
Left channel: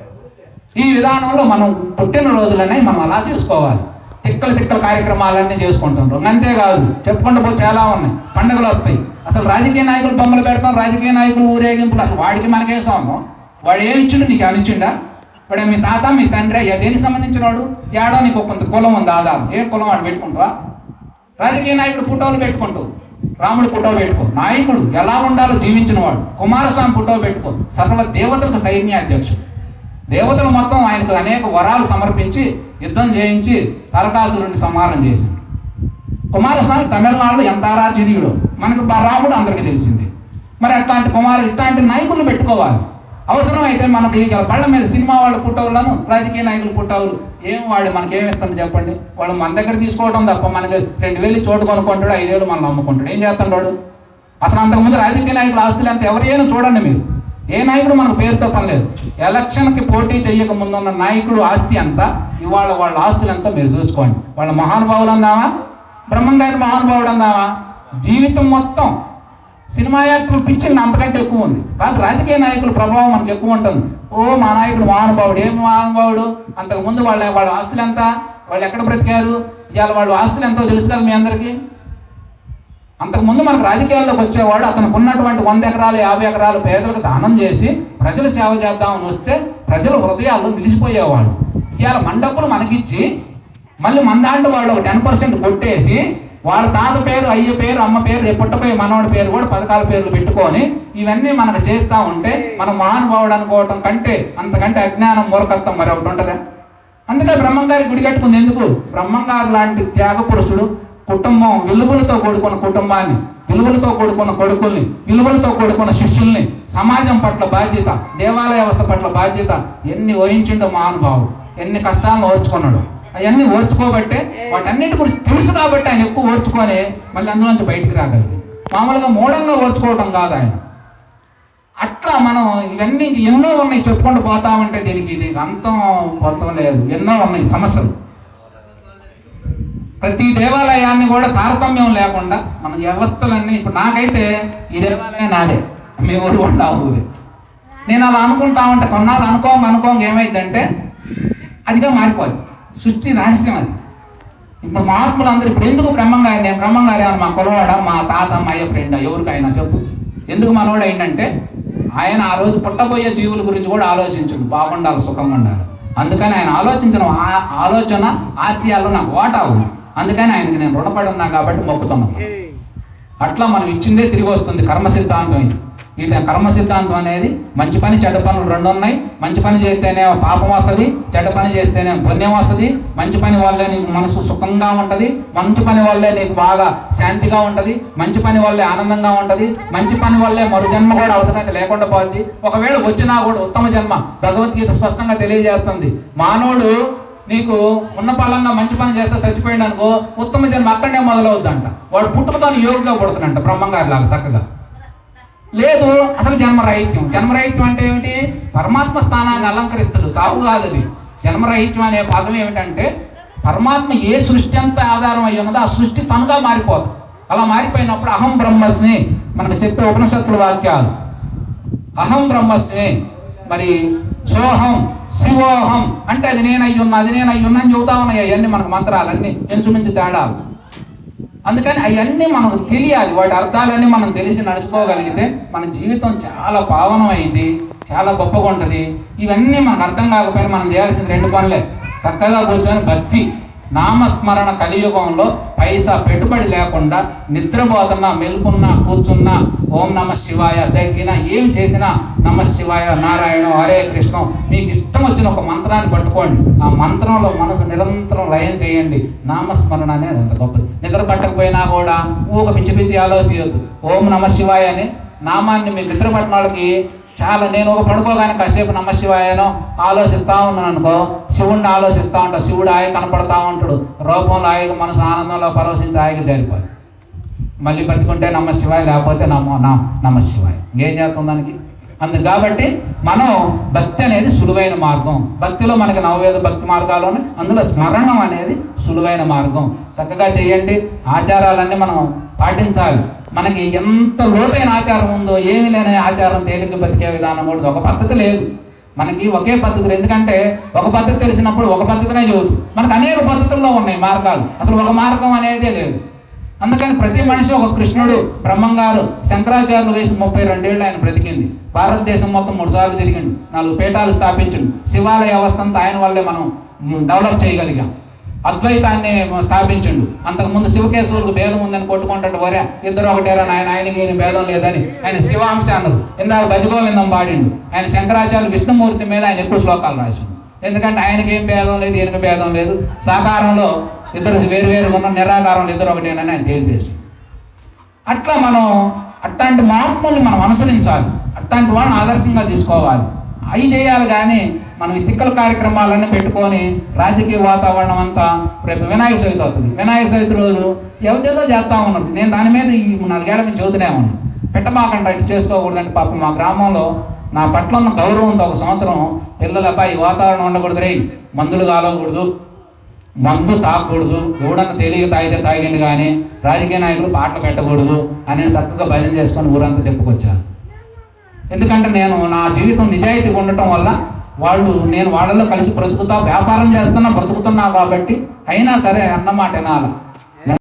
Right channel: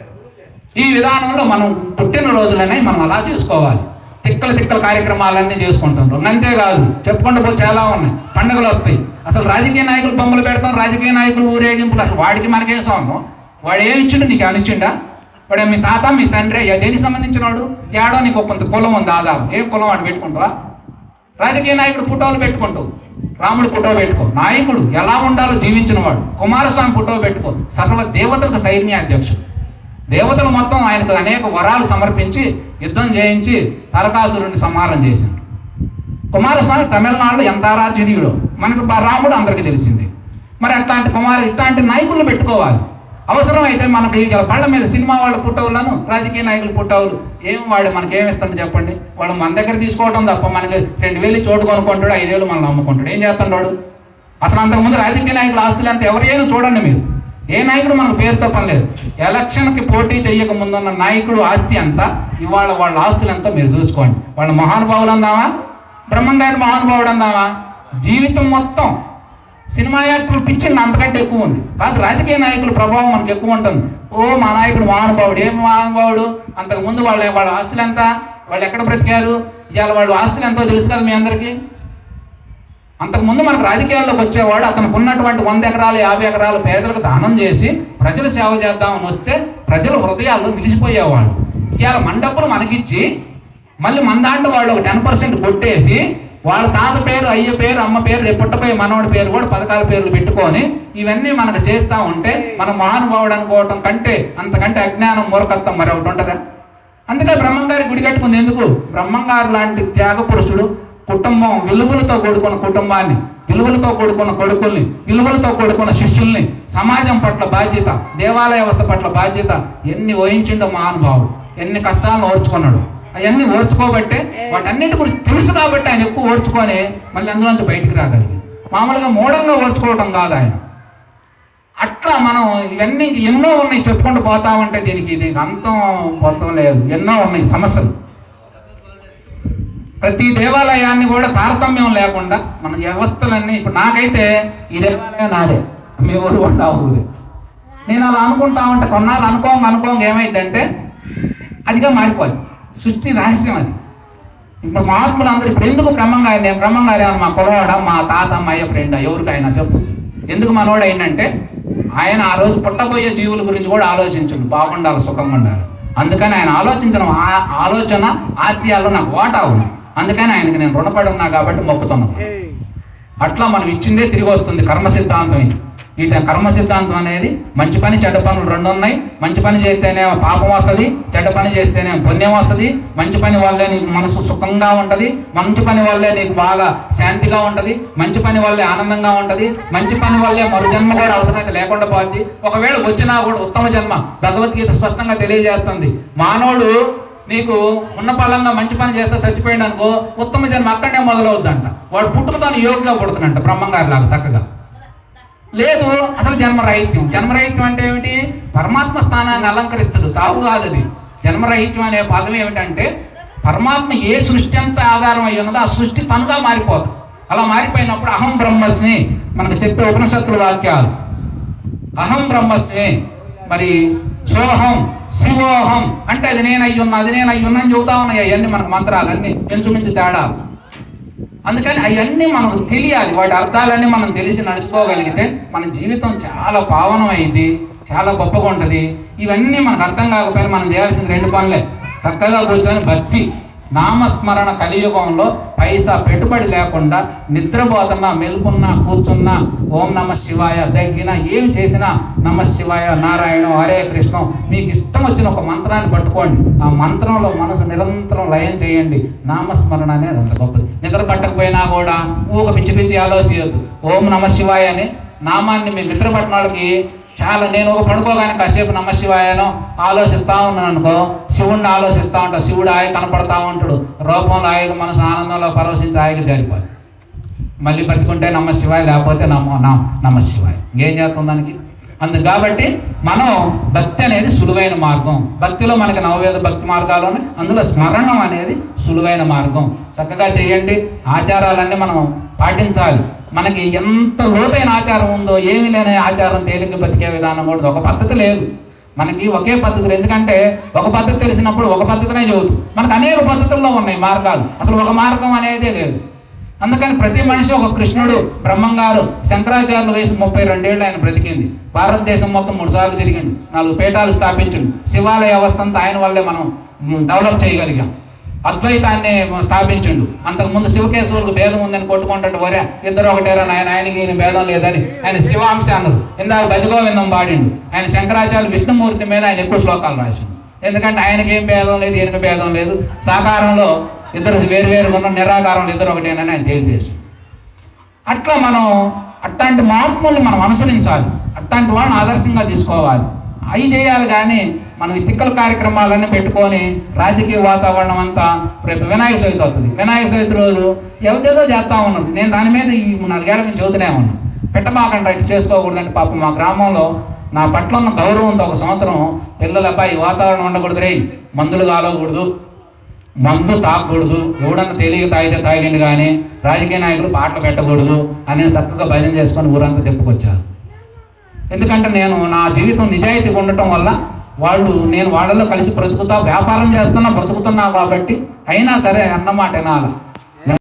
ఈ విధానంలో మనం పుట్టిన రోజులనే మనం అలా చేసుకోవాలి. తిక్కల కార్యక్రమాలన్నీ చేసుకుంటుంటాం. అంతేకాదు చెప్పుకుంటూ పోతే చాలా ఉన్నాయి. పండుగలు వస్తాయి, అసలు రాజకీయ నాయకులు బొమ్మలు పెడతాం, రాజకీయ నాయకులు ఊరేగింపులు. అసలు వాడికి మనకేం సంబంధం? వాడు ఏమి ఇచ్చిండు? నీకు అనిచ్చిండా? వాడు మీ తాత మీ తండ్రి దేనికి సంబంధించిన వాడు? ఏడో నీకు కొంత కులం ఉంది, ఆధారం. ఏం కులం వాడు పెట్టుకుంటావా? రాజకీయ నాయకుడు ఫోటోలు పెట్టుకుంటావు, రాముడి ఫోటో పెట్టుకో. నాయకుడు ఎలా ఉండాలో జీవించిన వాడు కుమారస్వామి ఫోటో పెట్టుకో. సకల దేవతలకు సైన్యాధ్యక్షుడు. దేవతలు మొత్తం ఆయనకు అనేక వరాలు సమర్పించి యుద్ధం చేయించి తారకాసురుడిని సంహారం చేసింది. కుమారస్వామి తమిళనాడులో ఎంత ఆరాధ్యుడు, మనకు రాముడు అందరికీ తెలిసింది. మరి ఇట్లాంటి నాయకులు పెట్టుకోవాలి. అవసరం అయితే మనకి బళ్ళ మీద సినిమా వాళ్ళ ఫోటోలను, రాజకీయ నాయకుల ఫోటోలు ఏం వాడు మనకేమిస్తాడు చెప్పండి? వాళ్ళు మన దగ్గర తీసుకోవడం తప్ప మనకి 2000 చోటు కొనుక్కుంటాడు, 5000 మనం అమ్ముకుంటాడు. ఏం చేస్తాడు? అసలు అంతకుముందు రాజకీయ నాయకుల ఆస్తులు అంతా ఎవరైనా చూడండి మీరు. ఏ నాయకుడు మనకు పేరుతో పని లేదు. ఎలక్షన్కి పోటీ చేయక ముందున్న నాయకుడు ఆస్తి అంతా ఇవాళ వాళ్ళ ఆస్తులు అంతా మీరు చూసుకోండి. వాళ్ళ మహానుభావులు అందామా, బ్రహ్మంగారి మహానుభావుడు అందామా? జీవితం మొత్తం సినిమా యాక్టర్లు పిచ్చింది అంతకంటే ఎక్కువ ఉంది. కాదు రాజకీయ నాయకుల ప్రభావం మనకు ఎక్కువ ఉంటుంది. మా నాయకుడు మహానుభావుడు. ఏం మహానుభావుడు? అంతకుముందు వాళ్ళ ఆస్తులు ఎంత, వాళ్ళు ఎక్కడ బ్రతికారు, ఇవాళ వాళ్ళ ఆస్తులు ఎంతో తెలుసు కదా మీ అందరికీ. అంతకుముందు మనకు రాజకీయాల్లోకి వచ్చేవాడు అతనికి ఉన్నటువంటి 100 ఎకరాలు 50 ఎకరాలు పేదలకు దానం చేసి ప్రజల సేవ చేద్దామని వస్తే ప్రజల హృదయాల్లో నిలిచిపోయేవాడు. ఇవాళ మన డబ్బులు మనకిచ్చి మళ్ళీ మన దాంట్లో వాళ్ళు 10% కొట్టేసి వాళ్ళ తాత పేరు, అయ్య పేరు, అమ్మ పేరు, రేపు పుట్టపోయి మనవాడి పేరు కూడా పథకాల పేర్లు పెట్టుకొని ఇవన్నీ మనకు చేస్తూ ఉంటే మనం మహానుభావుడు అనుకోవడం కంటే అంతకంటే అజ్ఞానం మూర్ఖత్వం మరి ఒకటి ఉంటుందా? అందుకే బ్రహ్మంగారి గుడి కట్టుకుంది ఎందుకు? బ్రహ్మంగారు లాంటి త్యాగ పురుషుడు కుటుంబం, విలువలతో కూడుకున్న కుటుంబాన్ని, విలువలతో కూడుకున్న కొడుకుల్ని, విలువలతో కూడుకున్న శిష్యుల్ని, సమాజం పట్ల బాధ్యత, దేవాలయ వ్యవస్థ పట్ల బాధ్యత ఎన్ని వహించిండో మహానుభావుడు. ఎన్ని కష్టాలను ఓర్చుకున్నాడు. అవన్నీ ఓర్చుకోబట్టే వాటన్నిటి గురించి తెలుసు కాబట్టి ఆయన ఎక్కువ ఓర్చుకొని మళ్ళీ అందులోంచి బయటికి రాగలిగాడు. మామూలుగా మూఢంగా ఓర్చుకోవడం కాదు ఆయన. అట్లా మనం ఇవన్నీ ఎన్నో ఉన్నాయి చెప్పుకుంటూ పోతామంటే దీనికి అంతం మొత్తం లేదు. ఎన్నో ఉన్నాయి సమస్యలు. ప్రతి దేవాలయాన్ని కూడా తారతమ్యం లేకుండా మన వ్యవస్థలన్నీ, ఇప్పుడు నాకైతే ఈ దేవాలయం నాదే, మీ ఊరు కూడా ఆ ఊరే. నేను అలా అనుకుంటామంటే కొన్నాళ్ళు అనుకోంగా ఏమైందంటే అదిగా మారిపోదు. సృష్టి రహస్యం అది. ఇప్పుడు మహాత్ములు అందరూ ఇప్పుడు ఎందుకు బ్రహ్మంగారి, నేను బ్రహ్మంగారి అని మా కులవాడ, మా తాత, మా అయ్య ఫ్రెండ్ ఎవరికైనా చెప్పు. ఎందుకు మనవాడు ఏంటంటే ఆయన ఆ రోజు పుట్టబోయే జీవుల గురించి కూడా ఆలోచించండి, బాగుండాలి, సుఖంగా ఉండాలి. అందుకని ఆయన ఆలోచించిన ఆలోచన ఆశయాలు నాకు వాటా ఉంది. అందుకని ఆయనకి నేను రుణపడి ఉన్నా కాబట్టి మొక్కుతున్నాను. అట్లా మనం ఇచ్చిందే తిరిగి వస్తుంది. కర్మ సిద్ధాంతం ఇది. ఈ కర్మ సిద్ధాంతం అనేది మంచి పని చెడ్డ పనులు 2 ఉన్నాయి. మంచి పని చేస్తేనే పాపం వస్తుంది, చెడ్డ పని చేస్తేనే పుణ్యం వస్తుంది. మంచి పని వల్లే నీకు మనసు సుఖంగా ఉంటుంది, మంచి పని వల్లే నీకు బాగా శాంతిగా ఉంటుంది, మంచి పని వల్లే ఆనందంగా ఉంటుంది, మంచి పని వల్లే మరో జన్మ కూడా అవసరం లేకుండా పోతుంది. ఒకవేళ వచ్చినా కూడా ఉత్తమ జన్మ. భగవద్గీత స్పష్టంగా తెలియజేస్తుంది. మానవుడు నీకు ఉన్న పలంగా మంచి పని చేస్తే చచ్చిపోయాడు అనుకో, ఉత్తమ జన్మ అక్కడనే మొదలవుద్దంట. వాడు పుట్టుకతో యోగిగా పుడుతున్నంట బ్రహ్మంగారి లాగా చక్కగా. లేదు అసలు జన్మరాహిత్యం. జన్మరాహిత్యం అంటే ఏమిటి? పరమాత్మ స్థానాన్ని అలంకరిస్తాడు, చావు కాదు అది. జన్మరాహిత్యం అనే పదం ఏమిటంటే పరమాత్మ ఏ సృష్టి అంతా ఆధారం అయ్యి ఉన్నదో ఆ సృష్టి తనుగా మారిపోతుంది. అలా మారిపోయినప్పుడు అహం బ్రహ్మస్మి మనకు చెప్పే ఉపనిషత్తుల వాక్యాలు. అహం బ్రహ్మస్మి, మరి సోహం శివోహం అంటే అది నేను అయ్యున్నా అని చెబుతా ఉన్నాయి. అవన్నీ మనకు మంత్రాలన్నీ ఇంచుమించు తేడాలు. అందుకని అవన్నీ మనకు తెలియాలి, వాటి అర్థాలన్నీ మనం తెలిసి నడుచుకోగలిగితే మన జీవితం చాలా పావనం అయింది, చాలా గొప్పగా ఉంటుంది. ఇవన్నీ మనకు అర్థం కాకపోయినా మనం చేయాల్సిన 2 పనులే. చక్కగా కూర్చొని భక్తి నామస్మరణ కలియుగంలో పైసా పెట్టుబడి లేకుండా నిద్రపోతున్నా, మెలుకున్నా, కూర్చున్నా ఓం నమ శివాయ, తగ్గినా ఏం చేసినా నమ శివాయ, నారాయణ, హరే కృష్ణ, మీకు ఇష్టం వచ్చిన ఒక మంత్రాన్ని పట్టుకోండి. ఆ మంత్రంలో మనసు నిరంతరం లయం చేయండి. నామస్మరణ అనేది అంత గొప్పది. నిద్ర పట్టకపోయినా కూడా ఊగ పిచ్చి ఆలోచించద్దు. ఓం నమ శివాయ అని నామాన్ని మీరు నిద్ర పట్టిన వాళ్ళకి చాలా, నేను ఒక పడుకోగానే కాసేపు నమ శివాయనో ఆలోచిస్తూ ఉన్నాను అనుకో, శివుడిని ఆలోచిస్తూ ఉంటా, శివుడు ఆయన కనపడతా ఉంటాడు రూపంలో, ఆయన మనసు ఆనందంలో పరవశించి ఆయన జారిపోయి మళ్ళీ బతుకుంటే నమ శివాయ, లేకపోతే నమ శివాయ, ఏం చేస్తాం దానికి. అందుకు కాబట్టి మనం భక్తి అనేది సులువైన మార్గం. భక్తిలో మనకి 9 భక్తి మార్గాలు, అందులో స్మరణం అనేది సులువైన మార్గం. చక్కగా చేయండి. ఆచారాలన్నీ మనం పాటించాలి. మనకి ఎంత లోతైన ఆచారం ఉందో, ఏమీ లేని ఆచారం తేలిక బతికే విధానం కూడా ఒక పద్ధతి లేదు. మనకి ఒకే పద్ధతులు, ఎందుకంటే ఒక పద్ధతి తెలిసినప్పుడు ఒక పద్ధతినే చదువుతుంది. మనకు అనేక పద్ధతుల్లో ఉన్నాయి మార్గాలు, అసలు ఒక మార్గం అనేదే లేదు. అందుకని ప్రతి మనిషి ఒక కృష్ణుడు, బ్రహ్మంగారు, శంకరాచార్యులు వయసు 32 ఏళ్ళు ఆయన బ్రతికింది. భారతదేశం మొత్తం 3 సార్లు తిరిగిండు, 4 పీఠాలు స్థాపించండు. శివాలయ వ్యవస్థ అంతా ఆయన వల్లే మనం డెవలప్ చేయగలిగాం. అద్వైతాన్ని స్థాపించిండు. అంతకుముందు శివకేశ్వరులకు భేదం ఉందని కొట్టుకుంటాడు, వరే ఇద్దరు ఒకటేరా, ఆయనకి ఈయన భేదం లేదని ఆయన శివాంశాలు ఇందాక గజగోవిందం పాడిండు. ఆయన శంకరాచార్య విష్ణుమూర్తి మీద ఆయన ఎక్కువ శ్లోకాలు రాసిండు. ఎందుకంటే ఆయనకి ఏం భేదం లేదు, ఈయనకి భేదం లేదు, సాకారంలో ఇద్దరు వేరు ఉన్న, నిరాకారంలో ఇద్దరు ఒకటేనని ఆయన తెలియజేసి. అట్లా మనం అట్లాంటి మార్పుల్ని మనం అనుసరించాలి, అట్లాంటి వాళ్ళని ఆదర్శంగా తీసుకోవాలి. అవి చేయాలి. కానీ మనం ఈ తిక్కల కార్యక్రమాలన్నీ పెట్టుకొని రాజకీయ వాతావరణం అంతా, రేపు వినాయక చవితి అవుతుంది. వినాయక చవితి రోజు ఎవరిదేదో చేస్తా ఉన్నాం. నేను దాని మీద 4 ఏళ్ళ నుంచి చదువుతూనే ఉన్నాను. పెట్టమాకండి, అటు చేసుకోకూడదంటే పాపం మా గ్రామంలో నా పట్ల ఉన్న గౌరవంతో 1 సంవత్సరం పిల్లలపై ఈ వాతావరణం ఉండకూడదు, రే మందులు కాలకూడదు, మందు తాగకూడదు, ఎవడన్నా తెలియక తాగితే తాగిండు, కానీ రాజకీయ నాయకులు పాటలు పెట్టకూడదు అని చక్కగా భజన చేసుకొని ఊరంతా చెప్పుకొచ్చాను. ఎందుకంటే నేను నా జీవితం నిజాయితీగా ఉండటం వల్ల నేను వాళ్ళలో కలిసి బ్రతుకుతా, వ్యాపారం చేస్తున్నా, బ్రతుకుతున్నా కాబట్టి అయినా సరే అన్నమాట వినాలి.